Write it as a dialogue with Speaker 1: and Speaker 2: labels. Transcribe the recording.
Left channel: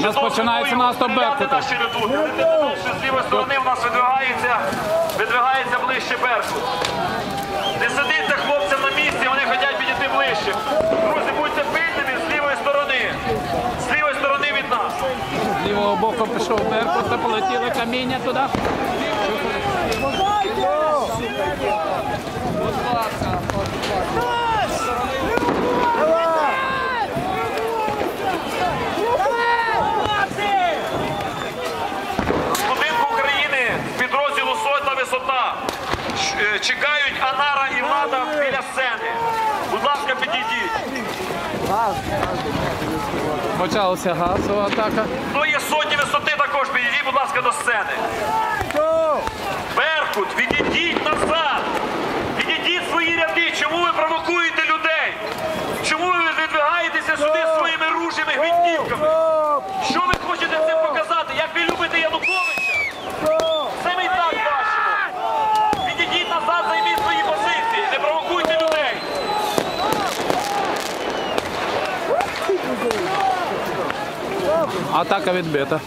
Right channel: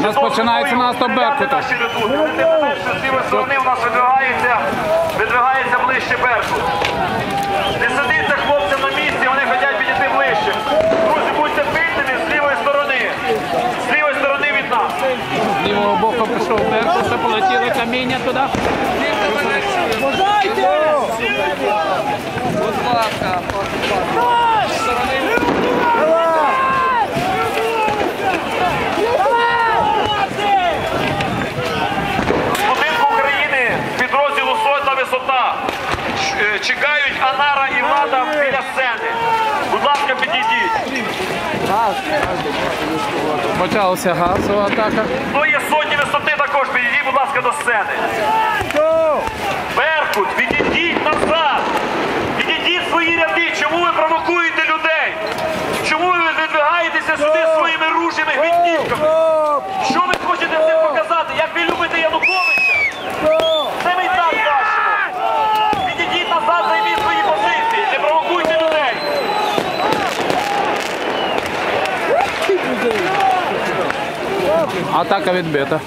Speaker 1: У нас починається наступ Беркута.
Speaker 2: З лівої сторони у нас видвигається, видвигається ближче Беркут. Не сидиться хлопцям на місці, вони хочуть підійти ближче. Друзі, будьте пильними з лівої сторони. З лівої сторони від нас.
Speaker 1: З лівого боку пішов Беркут, полетіли каміння туди.
Speaker 2: Чекають Анара і Рада біля сцени. Будь ласка, підійдіть.
Speaker 1: Почалася газова атака.
Speaker 2: Хто є сотні висоти також, підійдіть, будь ласка, до сцени.
Speaker 1: Атака відбита.